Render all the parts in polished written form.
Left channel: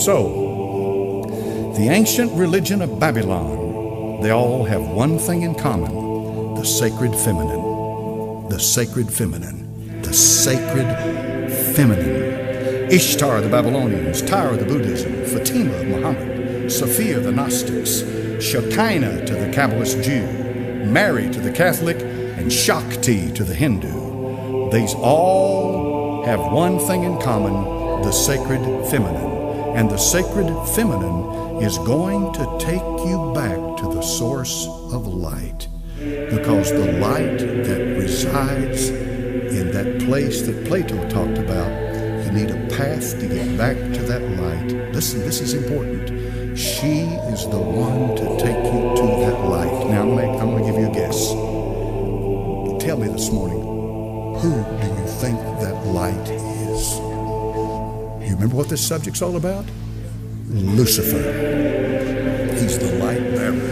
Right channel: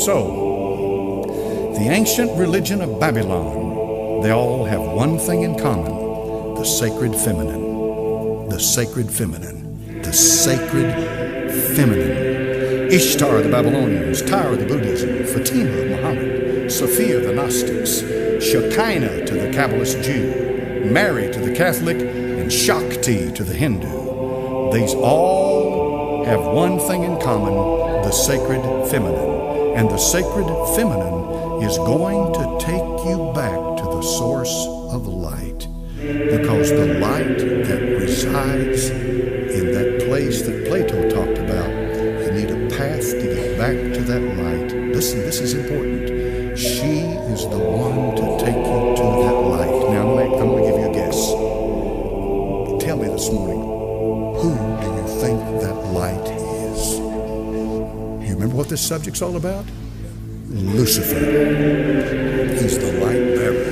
So, the ancient religion of Babylon, they all have one thing in common: the sacred feminine. The sacred feminine. The sacred feminine. Ishtar, the Babylonians; Tyre, the Buddhism; Fatima of Muhammad; Sophia, the Gnostics; Shekinah to the Kabbalist Jew; Mary to the Catholic; and Shakti to the Hindu. These all have one thing in common: the sacred feminine. And the sacred feminine is going to take you back to the source of light. Because the light that resides in that place that Plato talked about, you need a path to get back to that light. Listen, this is important. She is the one to take you to that light. Now, I'm going to give you a guess. Tell me this morning, who do you think that light is? You remember what this subject's all about? Lucifer. He's the light bearer.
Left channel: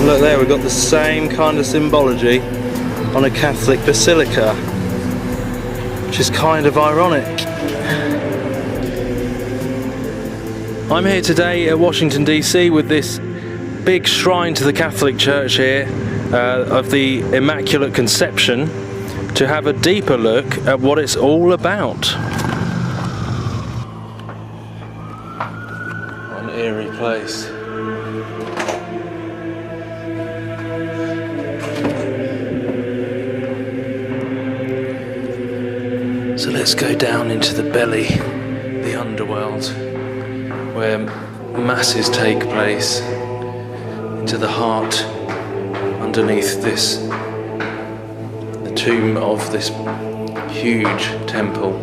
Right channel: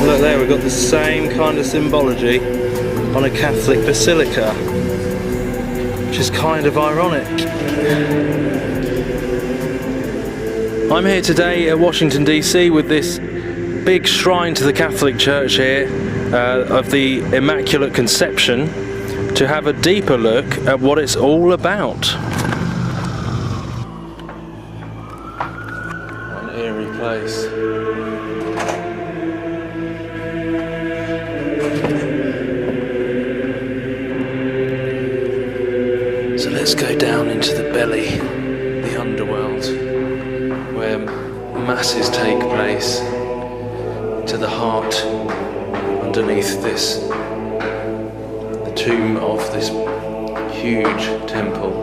Look there, we've got the same kind of symbology on a Catholic basilica, which is kind of ironic. I'm here today at Washington DC with this big shrine to the Catholic Church here of the Immaculate Conception to have a deeper look at what it's all about. What an eerie place. So let's go down into the belly, the underworld, where masses take place, into the heart, underneath this, the tomb of this huge temple.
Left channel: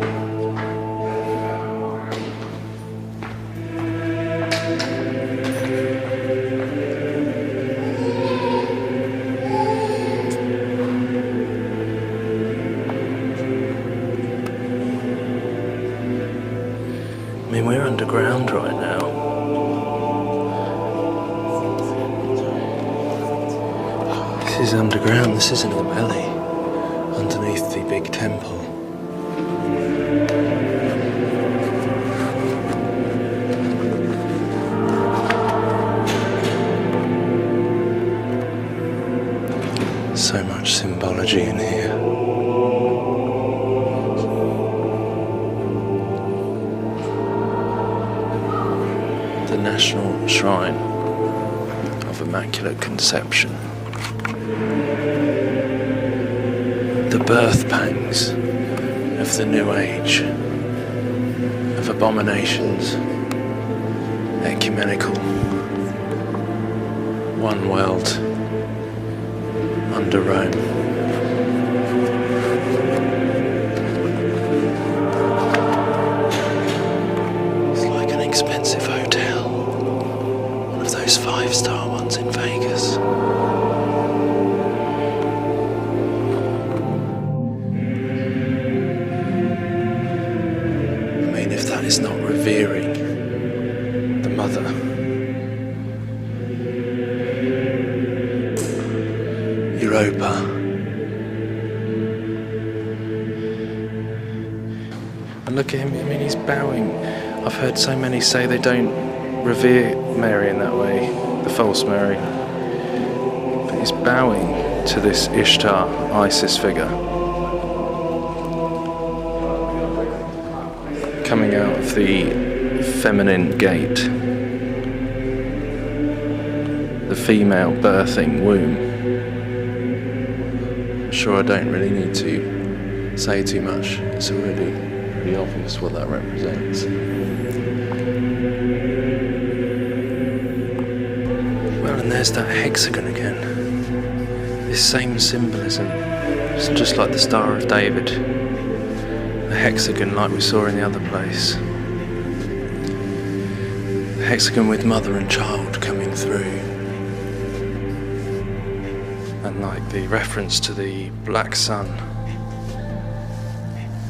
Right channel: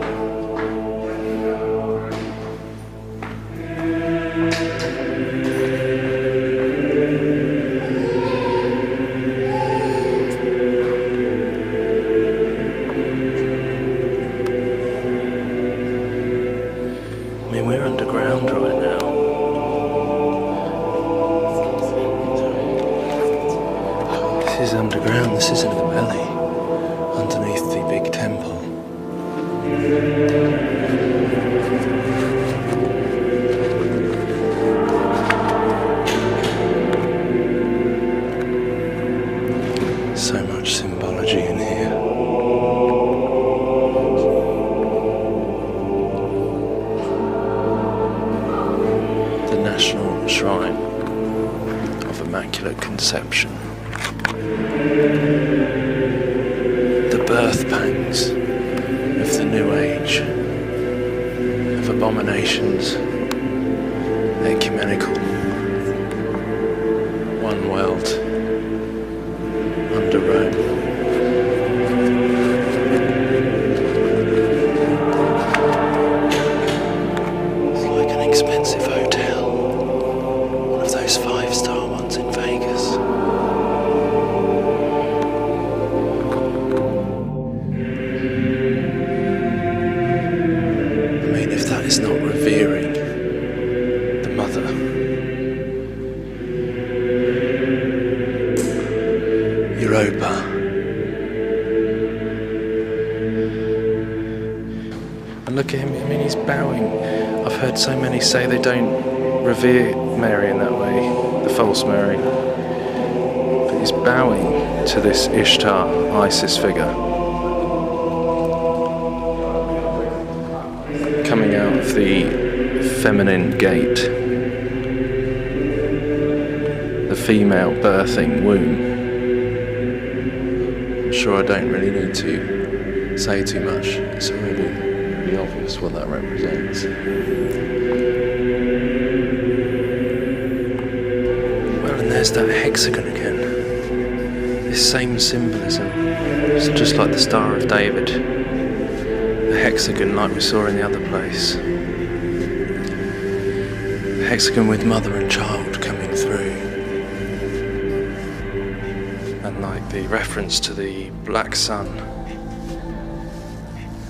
I mean, we're underground right now. This is underground, this is in the belly, underneath the big temple. So much symbology in here. The National Shrine of Immaculate Conception. The birth pangs of the New Age, of abominations, ecumenical, one world under Rome. It's like an expensive hotel. One of those 5-star ones in Vegas. I mean, if that is not revering the Mother. Europa. look at him. I mean, he's bowing. I've heard so many say they don't revere Mary in that way, the false Mary. But he's bowing to this Ishtar, Isis figure, coming out of the feminine gate, the female birthing womb. I'm sure I don't really need to say too much. It's already pretty obvious what that represents. Well, and there's that hexagon again. This same symbolism. It's just like the Star of David. The hexagon like we saw in the other place. The hexagon with mother and child coming through. And like the reference to the black sun.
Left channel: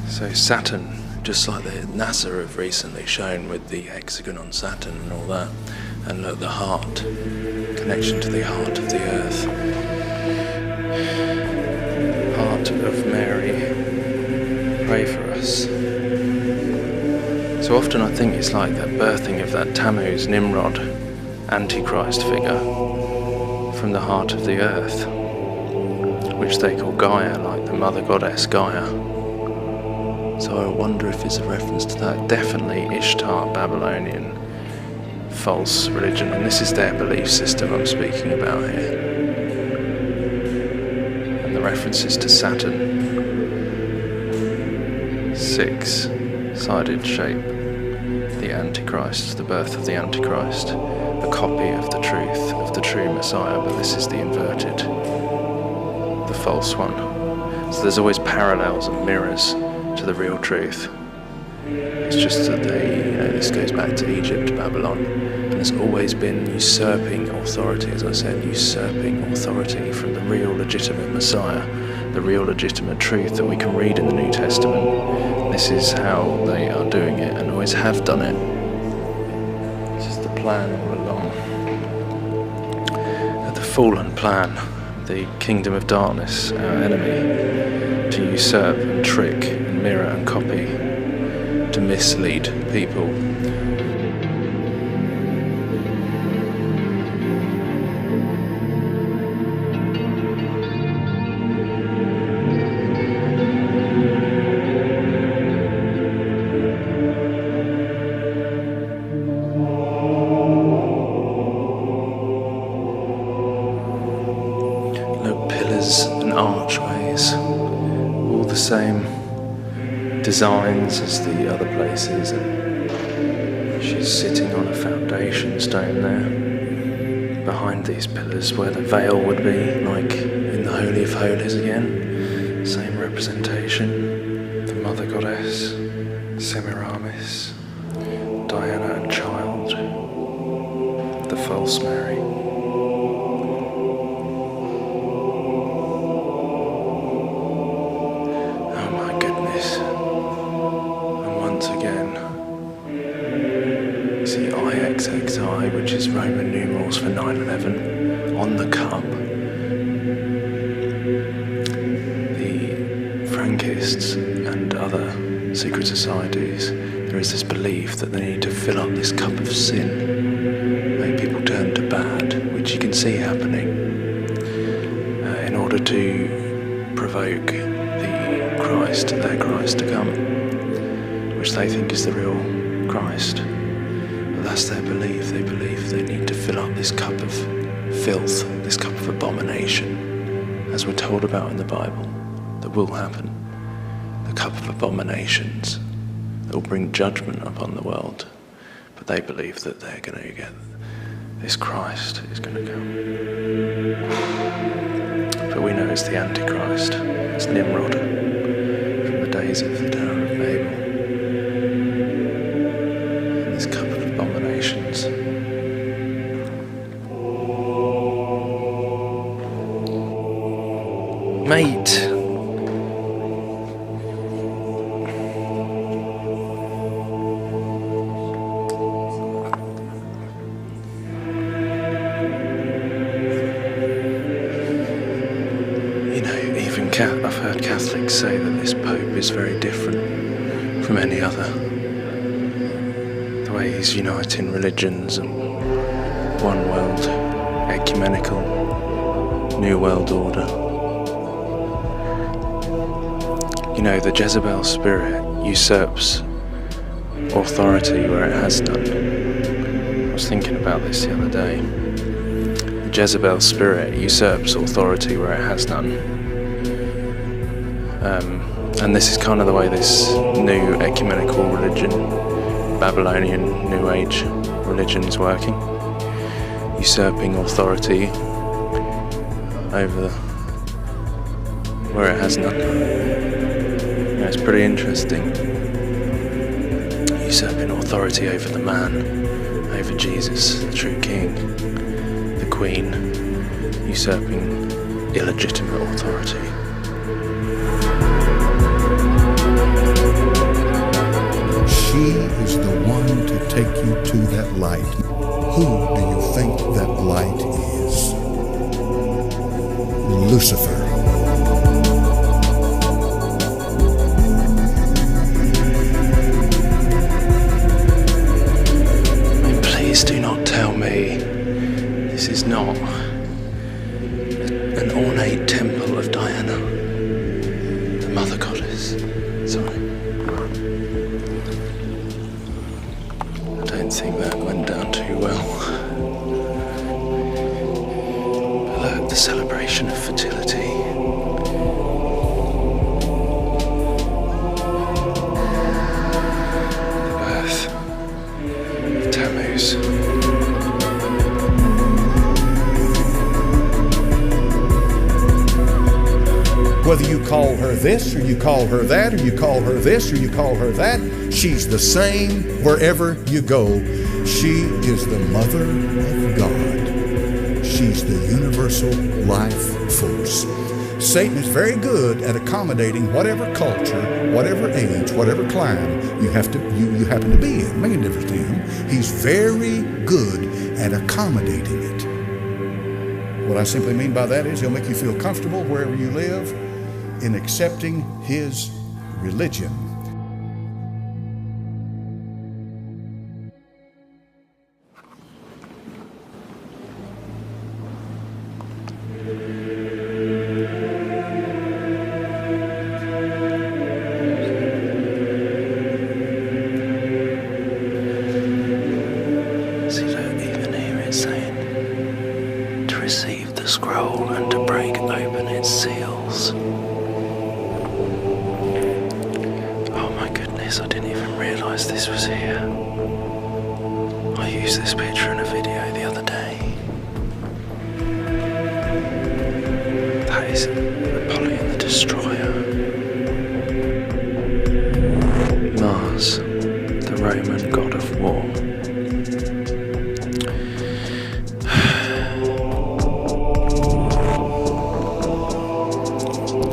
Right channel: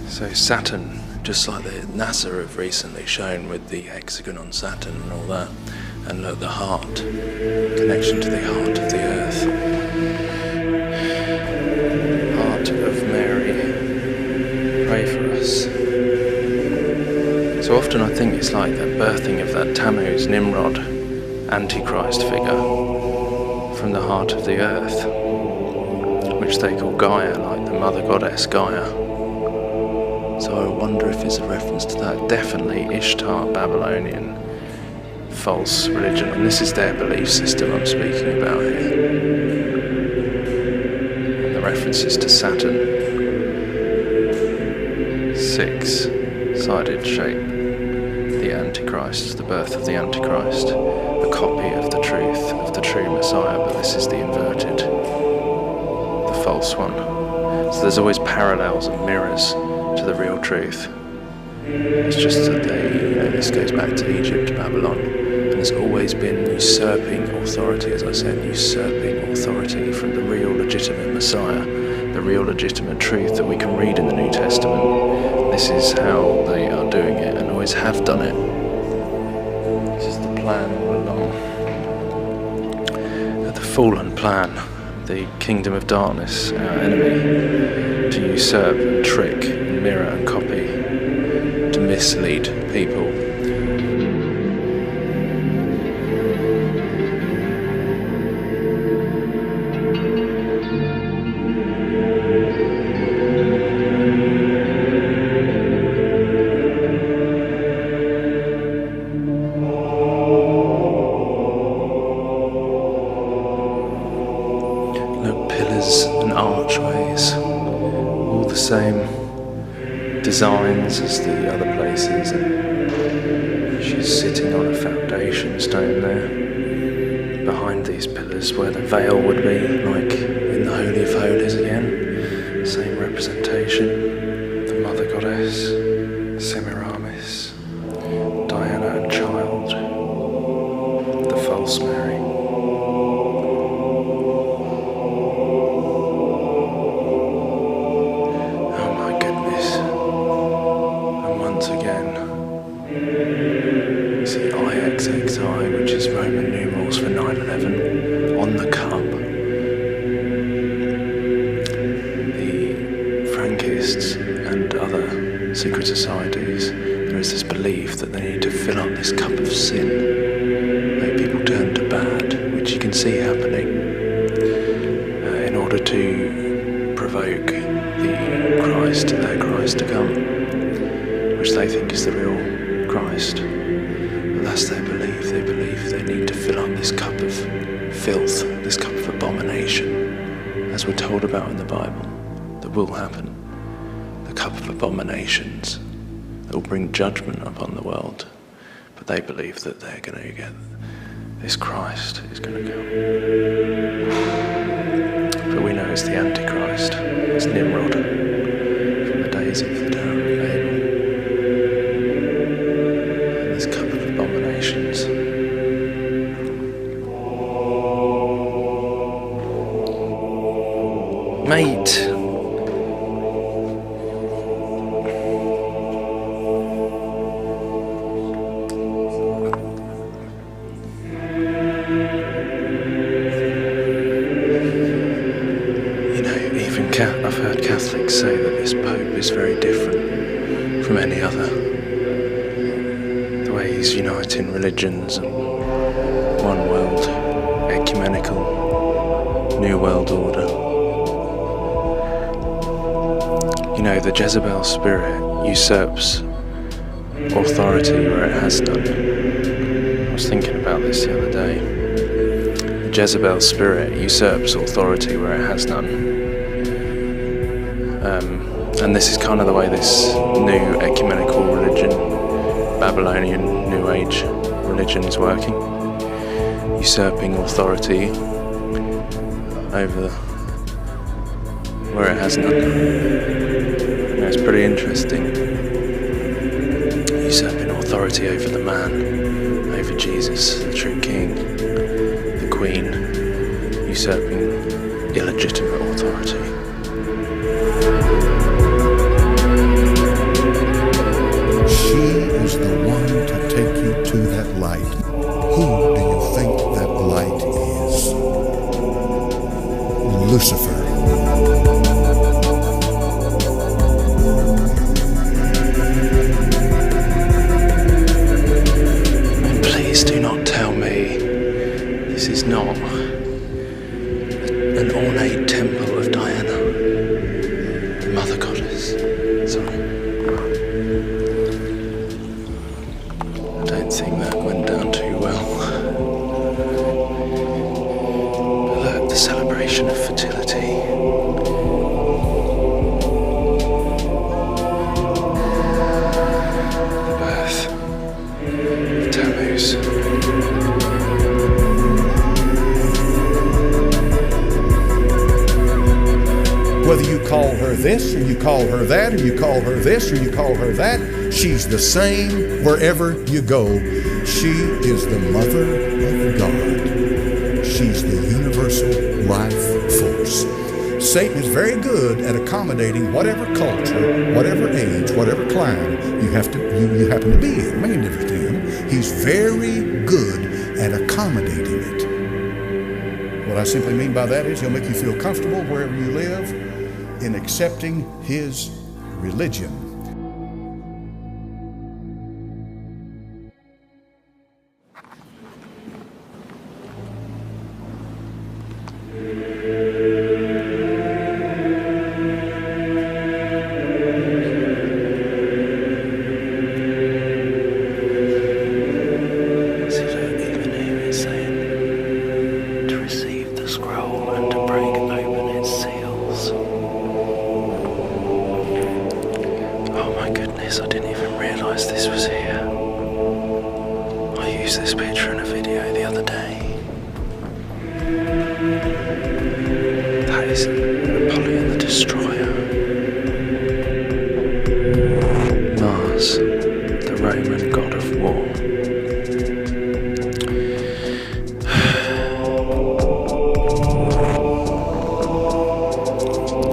So Saturn, just like the NASA have recently shown with the hexagon on Saturn and all that. And look, the heart, connection to the heart of the earth. Heart of Mary, pray for us. So often I think it's like that birthing of that Tammuz, Nimrod, Antichrist figure from the heart of the earth, which they call Gaia, like the mother goddess Gaia. So I wonder if it's a reference to that. Definitely Ishtar, Babylonian, false religion, and this is their belief system I'm speaking about here. And the references to Saturn, six-sided shape, the Antichrist, the birth of the Antichrist, a copy of the truth, of the true Messiah, but this is the inverted, the false one. So there's always parallels and mirrors to the real truth. It's just that this goes back to Egypt, Babylon, and there's always been usurping authority, as I said, usurping authority from the real legitimate Messiah, the real legitimate truth that we can read in the New Testament. This is how they are doing it and always have done it. This is the plan all along. The fallen plan, the kingdom of darkness, our enemy, to usurp and trick and mirror and copy, to mislead people. Look, pillars and archways, all the same designs as the other places, and she's sitting on a foundation stone there behind these pillars where the veil would be, like in the Holy of Holies again. Same representation, the Mother Goddess, Semiramis, Diana and Child, the false Mary. Oh my goodness. Once again, you see IXXI, which is Roman numerals for 9/11, on the cup. The Frankists and other secret societies, there is this belief that they need to fill up this cup of sin, make people turn to bad, which you can see happening, in order to provoke their Christ to come, which they think is the real Christ. But that's their belief. They believe they need to fill up this cup of filth, this cup of abomination, as we're told about in the Bible, that will happen. The cup of abominations that will bring judgment upon the world. But they believe that they're going to get this Christ is going to come. But we know it's the Antichrist. It's Nimrod from the days of the Tower of Babel. And this cup of abominations. Mate! I've heard Catholics say that this Pope is very different from any other. The way he's uniting religions and one world, ecumenical, new world order. You know, the Jezebel spirit usurps authority where it has none. I was thinking about this the other day. The Jezebel spirit usurps authority where it has none. And this is kind of the way this new ecumenical religion, Babylonian New Age religion, is working. Usurping authority over where it has none. Yeah, it's pretty interesting. Usurping authority over the man, over Jesus, the true king, the queen, usurping illegitimate authority. She is the one to take you to that light. Who do you think that light is? Lucifer. Please do not tell me this is not an ornate temple of Diana, the mother goddess. Sorry. I don't think that went down too well. But look, the celebration of fertility. The birth of Tammuz. Whether you call her this, or you call her that, or you call her this, or you call her that, she's the same wherever you go. She is the Mother of God. She's the universal life force. Satan is very good at accommodating whatever culture, whatever age, whatever clime you happen to be in. Making a difference to him. He's very good at accommodating it. What I simply mean by that is he'll make you feel comfortable wherever you live in accepting his religion. See, look, even here it's saying to receive the scroll and to break open its seals. Oh my goodness, I didn't even realise this was here. I used this picture in a video the other day. That is Napoleon the Destroyer. Mars, the Roman god of war.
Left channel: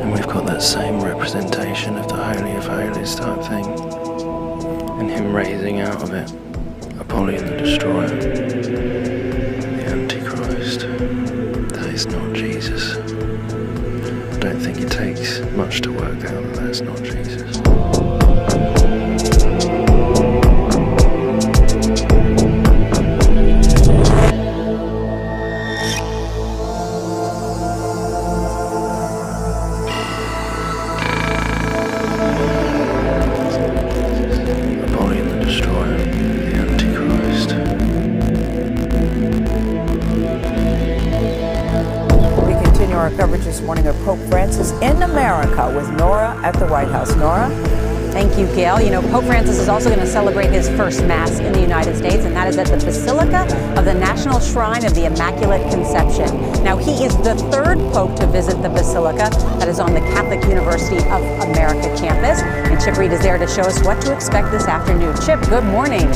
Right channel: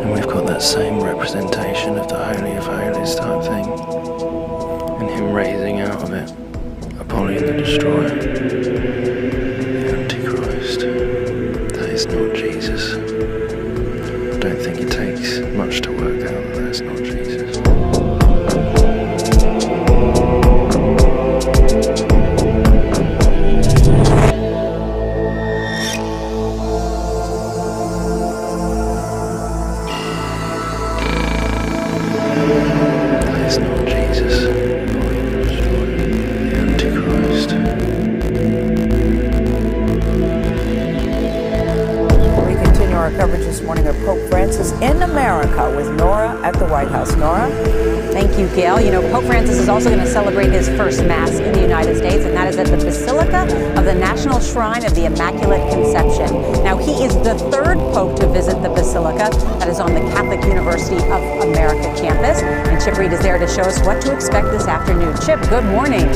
And we've got that same representation of the Holy of Holies type thing, and him raising out of it Apollyon the Destroyer, the Antichrist. That is not Jesus. I don't think it takes much to work out that that's not Jesus. Our coverage this morning of Pope Francis in America with Nora at the White House. Nora? Thank you, Gail. You know, Pope Francis is also going to celebrate his first Mass in the United States, and that is at the Basilica of the National Shrine of the Immaculate Conception. Now, he is the third Pope to visit the Basilica that is on the Catholic University of America campus. And Chip Reed is there to show us what to expect this afternoon. Chip, good morning.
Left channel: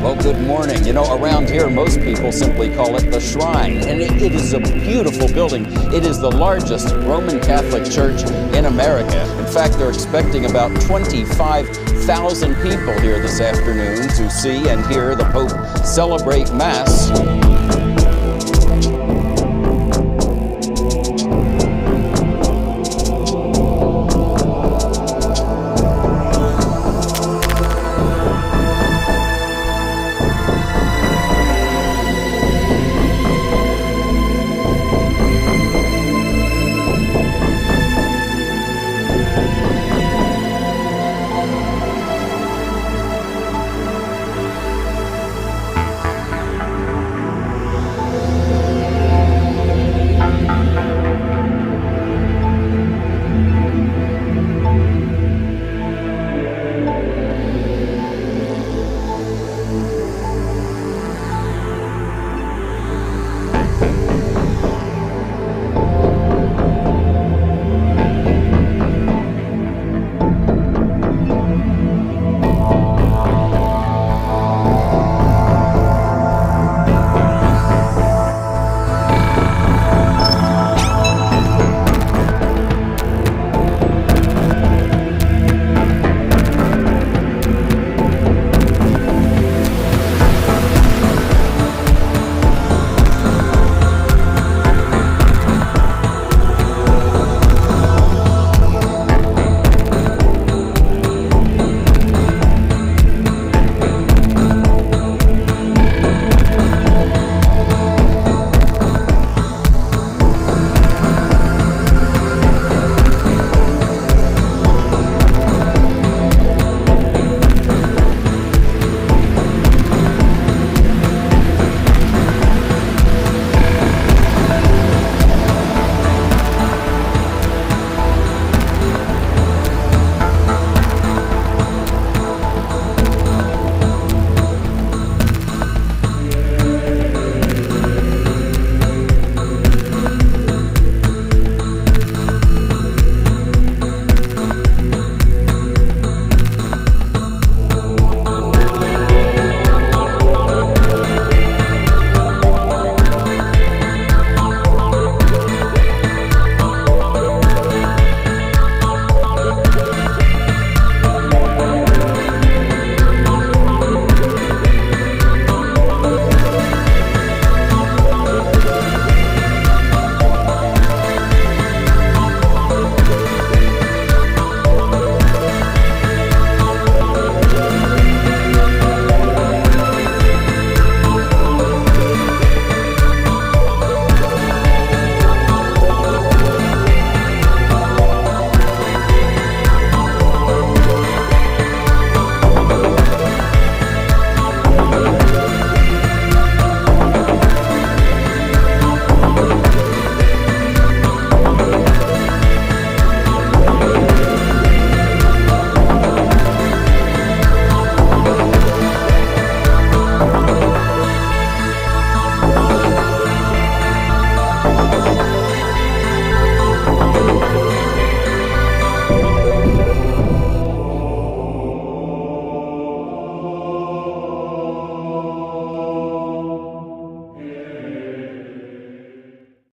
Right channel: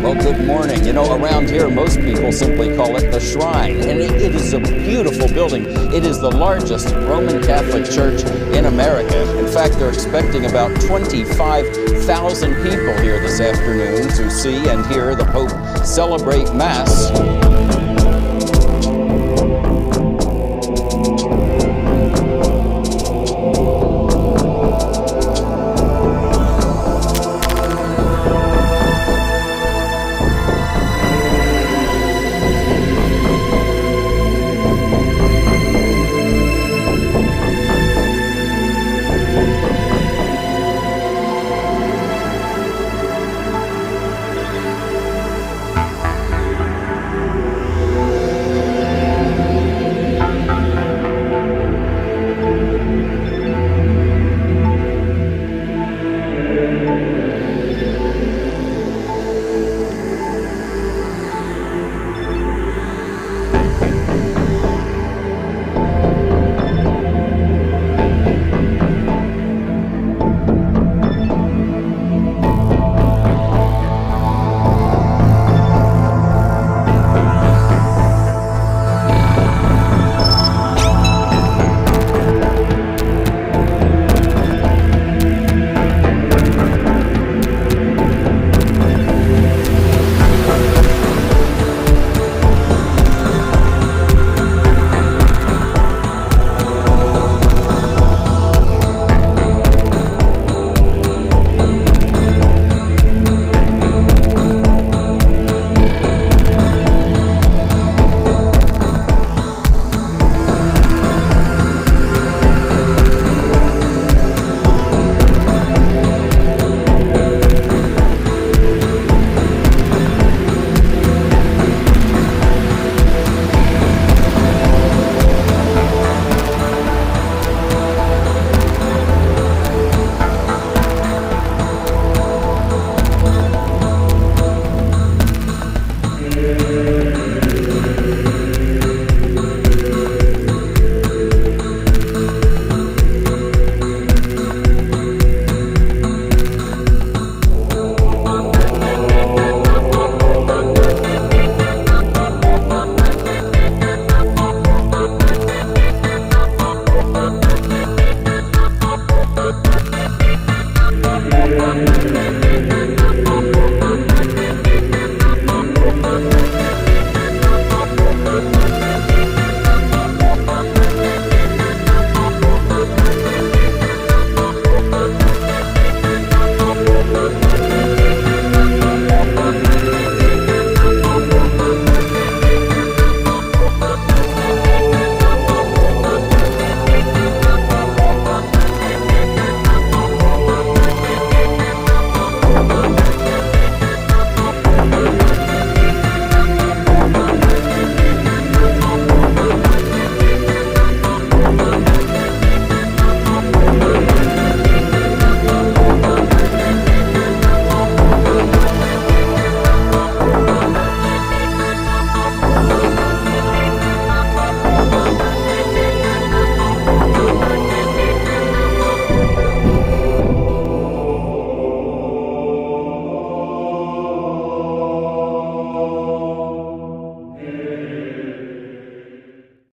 Well, good morning. You know, around here, most people simply call it the Shrine, and it is a beautiful building. It is the largest Roman Catholic church in America. In fact, they're expecting about 25,000 people here this afternoon to see and hear the Pope celebrate Mass